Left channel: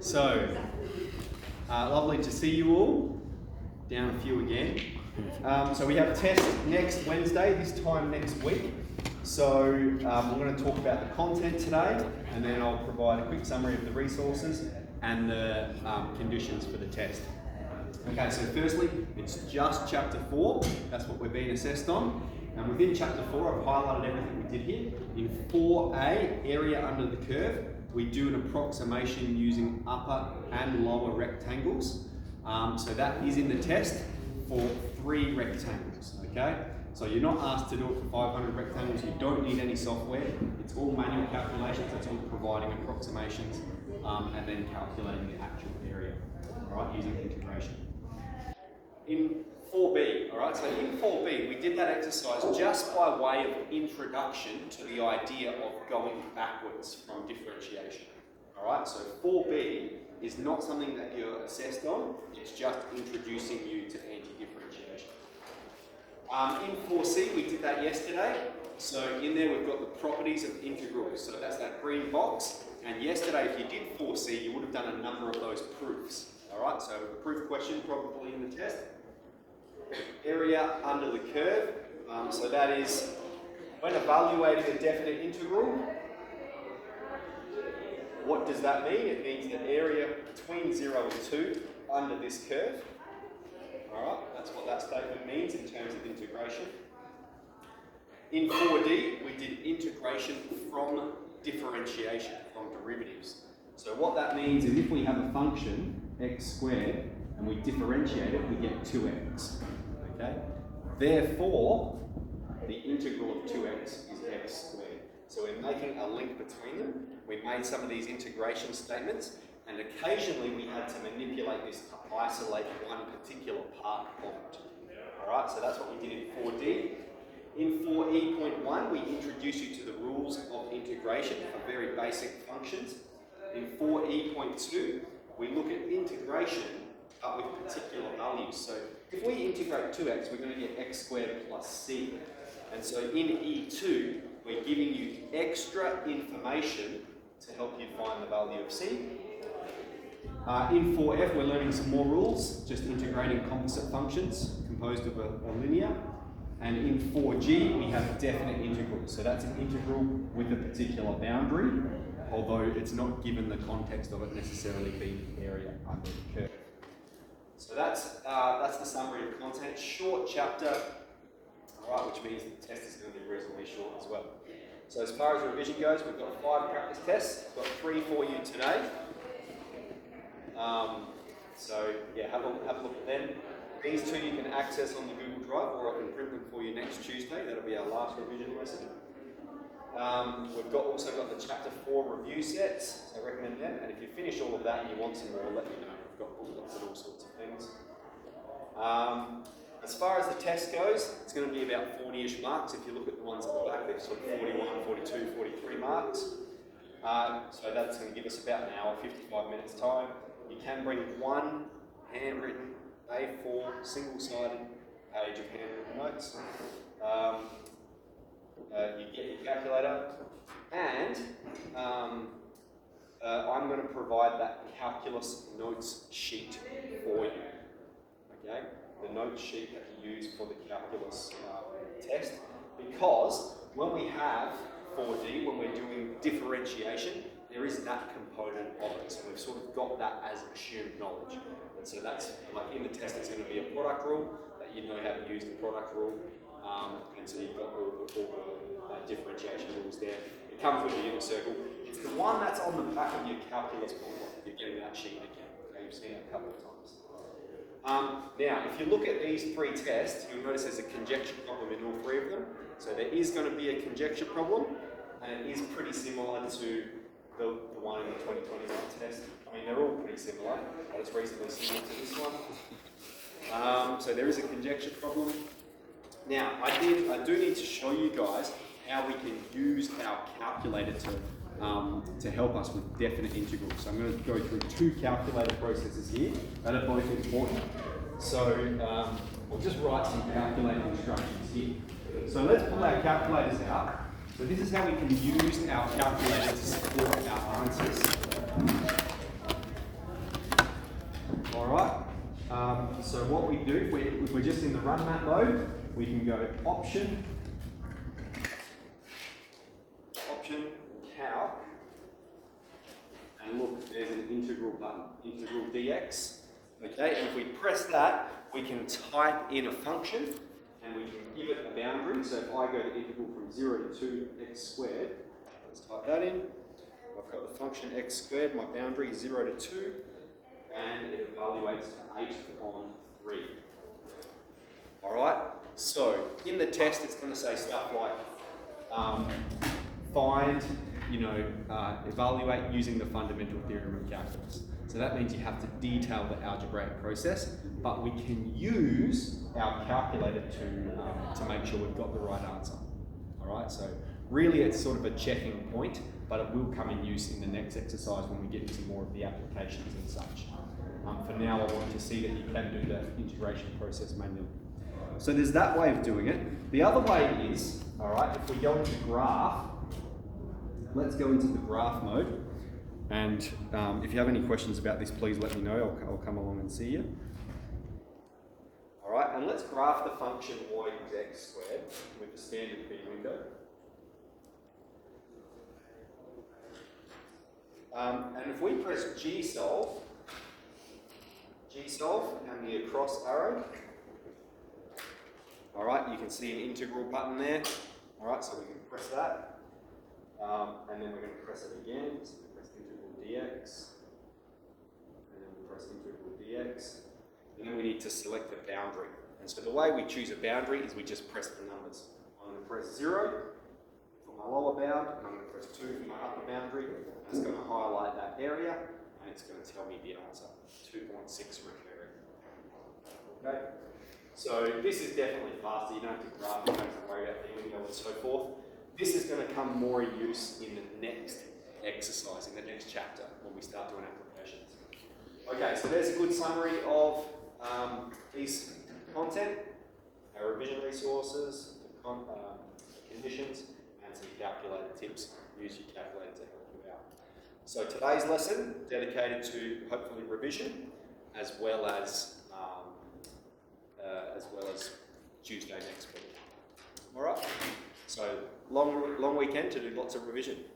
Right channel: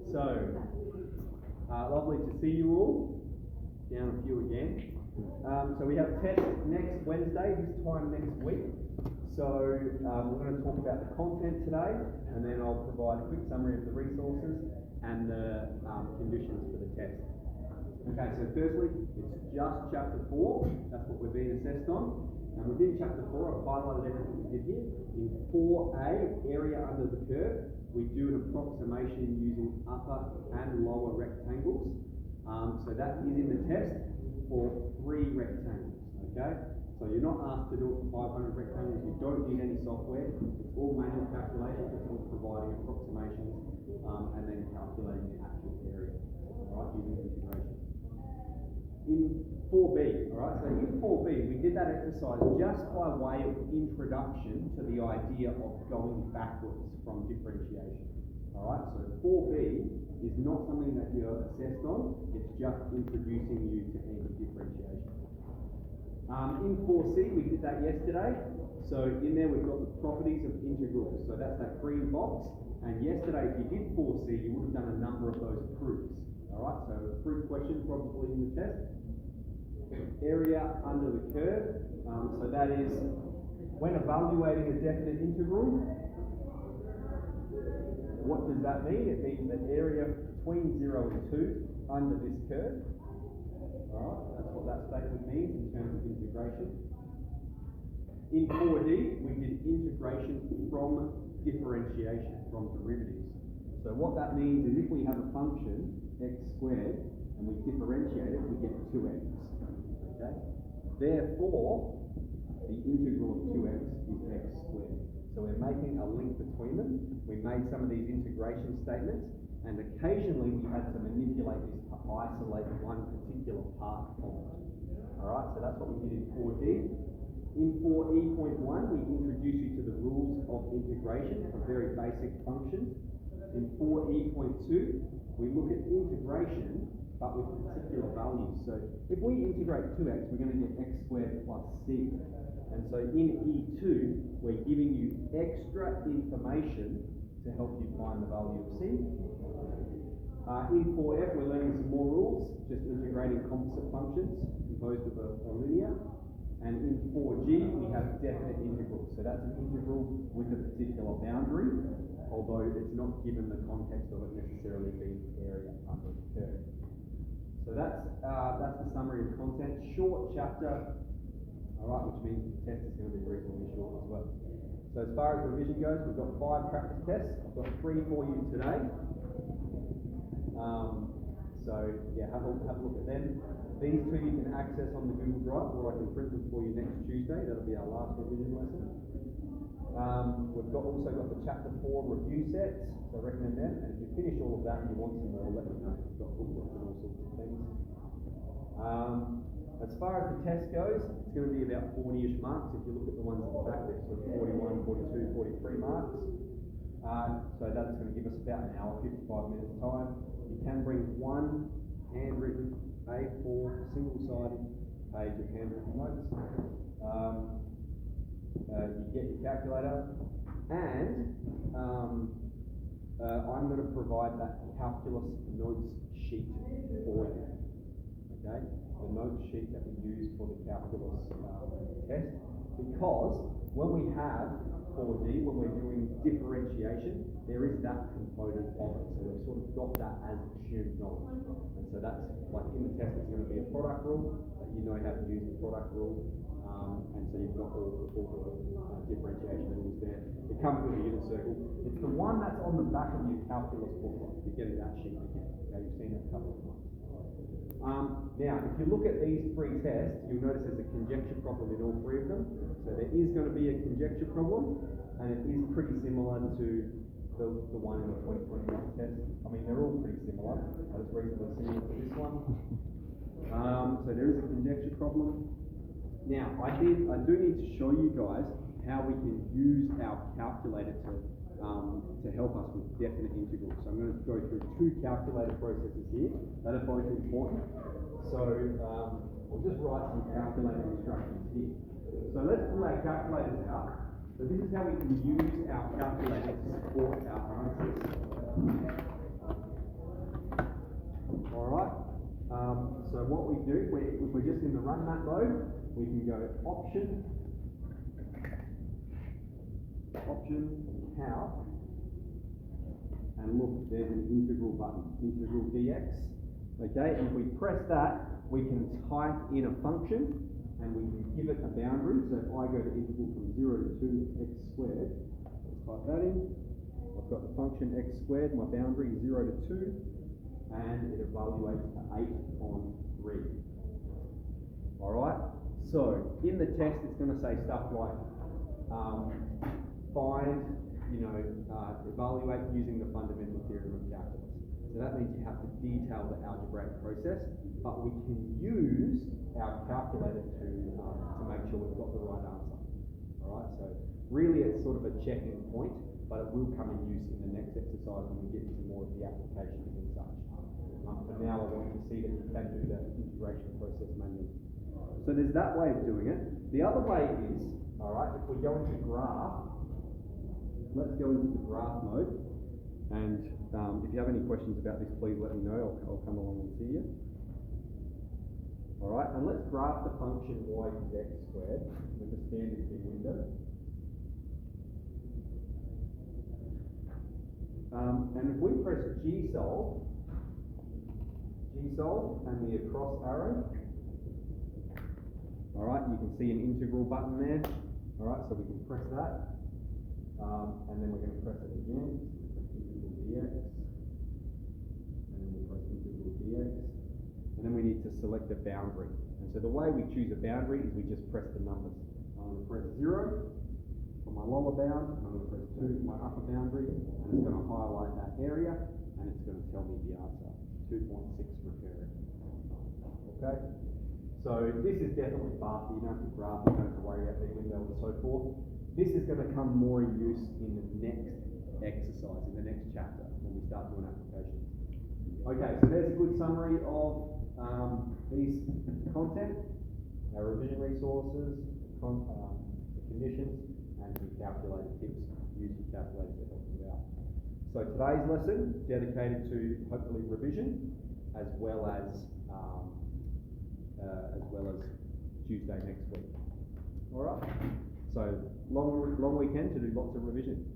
So, lovely to see you all. Down a few again. So we have a test next Wednesday, this time next week. So we're going to talk about the content today, and then I'll provide a quick summary of the resources and the conditions for the test. Okay, so firstly, it's just chapter 4. That's what we're being assessed on. And within chapter 4, I've highlighted everything we did here. In 4A, area under the curve, we do an approximation using upper and lower rectangles. So that is in the test for 3 rectangles, okay? So you're not asked to do it for 500 rectangles. You don't need any software. It's all manual calculations. It's all providing approximations and then calculating the actual area, all right, using integration. In 4B, all right, so in 4B, we did that exercise just by way of introduction to the idea of going backwards from differentiation, all right? So 4B is not something that you're assessed on, it's just introducing you to anti-differentiation. In 4C, we did that yesterday. So in there, we've got the properties of integrals. So that's that green box. And yesterday, if you did 4C, you would have done a number of those proofs. All right, so a proof question probably in the test. Area under the curve. So that is when evaluating a definite integral. What does that mean? It means that area between 0 and 2 under this curve. All right, that's what that statement means in terms of integration. In 4D, we did integration from differentiation, from derivatives. So what that means is if we have a function, x squared, and we differentiate it, we get 2x. Okay? Therefore, the integral of 2x is x squared. So we're making a link between them. We made some of these integration statements, and occasionally we had to manipulate this to isolate one particular part of it. All right, so that's what we did in 4D. In 4E.1, we introduce you to the rules of integration for very basic functions. In 4E.2, we look at integration, but with particular values. So if we integrate 2x, we're going to get x squared plus c. And so in E2, we're giving you extra information to help you find the value of c. In 4F, we're learning some more rules, just integrating composite functions composed of a linear. And in 4G, we have definite integrals. So that's an integral with a particular boundary, although it's not given the context of it necessarily being area under the curve. So that's the summary of content. Short chapter, all right, which means the test is going to be reasonably short as well. So as far as revision goes, we've got 5 practice tests. We've got 3 for you today. So yeah, have a look at them. These 2 you can access on the Google Drive, or I can print them for you next Tuesday. That'll be our last revision lesson. We've also got the Chapter 4 review sets, so I recommend them. And if you finish all of that and you want some more, let me know. We've got booklets and all sorts of things. As far as the test goes, it's going to be about 40-ish marks. If you look at the ones at the back, they're sort of 41, 42, 43 marks. So that's going to give us about an hour, 55 minutes time. You can bring one handwritten A4 single-sided page of handwritten notes. You get your calculator, and I'm going to provide that calculus notes sheet for you. Okay, the notes sheet that you use for the calculus test, because when we have 4D, when we're doing differentiation, there is that component of it. So we've sort of got that as assumed knowledge. And so that's, like in the test, it's going to be a product rule, that you know how to use the product rule. And so you've got all the differentiation rules there. It comes with a unit circle. It's the one that's on the back of your calculus booklet. You're getting that sheet again. Okay, you've seen it a couple of times. Now, if you look at these 3 tests, you'll notice there's a conjecture problem in all 3 of them. So there is going to be a conjecture problem, and it is pretty similar to the one in the 2021 test. I mean, they're all pretty similar, but it's reasonably similar to this one. So there is a conjecture problem. Now, I do need to show you guys how we can use our calculator to help us with definite integrals. So I'm going to go through 2 calculator processes here that are both important. So we'll just write some calculator instructions here. So let's pull our calculators out. So this is how we can use our calculator to support our answers. All right. So what we do, if we're just in the run map mode, we can go Option, Calc, and look, there's an integral button, integral dx. Okay, and if we press that, we can type in a function, and we can give it a boundary. So if I go to integral from 0 to 2x squared, let's type that in. I've got the function x squared, my boundary is 0 to 2, and it evaluates to 8 on 3. All right, so in the test, it's going to say stuff like find, evaluate using the fundamental theorem of calculus. So that means you have to detail the algebraic process, but we can use our calculator to make sure we've got the right answer. All right, so really it's sort of a checking point, but it will come in use in the next exercise when we get into more of the applications and such. For now, I want to see that you can do the integration process manually. So there's that way of doing it. The other way is, all right, if we go into graph, let's go into the graph mode. And if you have any questions about this, please let me know. I'll come along and see you. All right, and let's graph the function y equals x squared with the standard B window. And if we press G-solve and the across arrow, all right, you can see an integral button there. All right, so we can press that, and then we're going to press it again. So we press integral dx, and then we press integral dx, and then we need to select a boundary. And so the way we choose a boundary is we just press the numbers. I'm going to press 0 for my lower bound, and I'm going to press 2 for my upper boundary, and it's going to highlight that area, and it's going to tell me the answer, 2.6 recurring. Okay? So this is definitely faster. You don't have to graph, you don't have to worry about the window and so forth. This is going to come more in use in the next exercise, in the next chapter, when we start doing applications. Okay, so there's a good summary of these content, our revision resources, the conditions, and some calculator tips. Use your calculator to help you out. So today's lesson dedicated to hopefully revision, as well as Tuesday next week. All right. So long weekend to do lots of revision.